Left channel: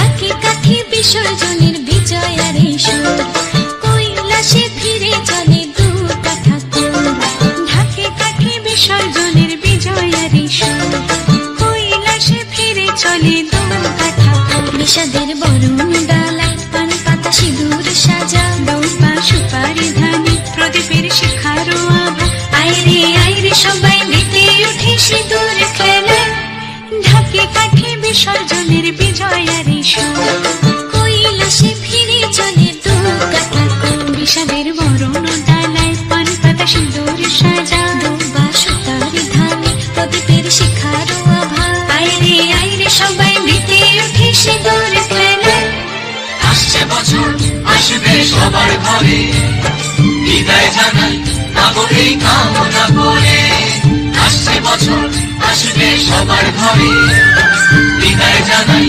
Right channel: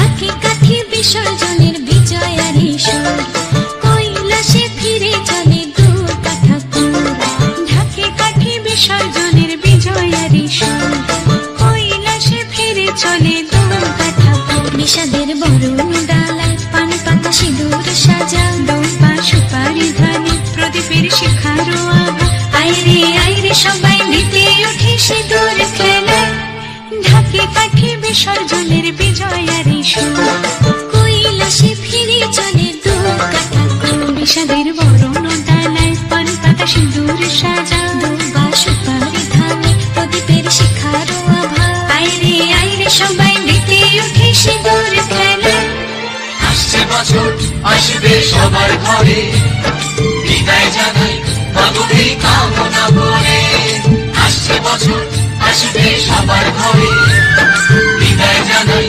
ঢাকে কাঠি বিসর্জনের বিজয়ারে সুর, কৈলাসে ফিরে চলে দু কাঠা কুর। ঢাকে কাঠি বিসর্জনের বিজয়ারে সুর, কৈলাসে ফিরে চলে দু কাঠা কুর। বিষাদের বরণ ডালায় পান পাতা সিঁদুর সাজা, দৌপা সুপারি ধানে প্রদীপের শিখারো আভা। আইরে সবাই মেতে উঠে সিঁদুর খেলায়, ঢাকে কাঠি বিসর্জনের বিজয়ারে সুর, কৈলাসে ফিরে চলে দু কাঠা কুর। বিষাদের বরণ ডালায় পান পাতা সিঁদুর সাজা, দৌপা সুপারি ধানে প্রদীপের শিখারো আভা। আইরে সবাই মেতে উঠে সিঁদুর খেলায়। আসছে বছর আসবে সবার ঘরে, বিদায় জানাই মাগোকে কামনা করে। আসছে বছর আসবে সবার ঘরে, বিদায় জানাই